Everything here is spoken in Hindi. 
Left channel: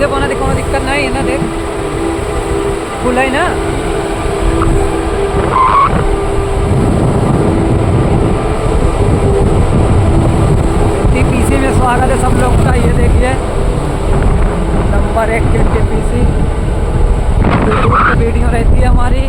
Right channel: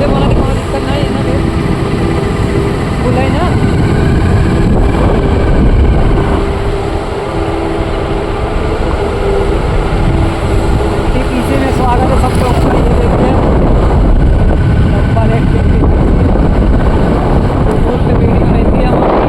से बोना देखो दिक्कत नहीं है ना देख फुल है ना। पीसी में स्वागत है सब लोग का। ये देखिए नंबर 1 के पीसी यूट्यूब पे वीडियो रहती है हमारी।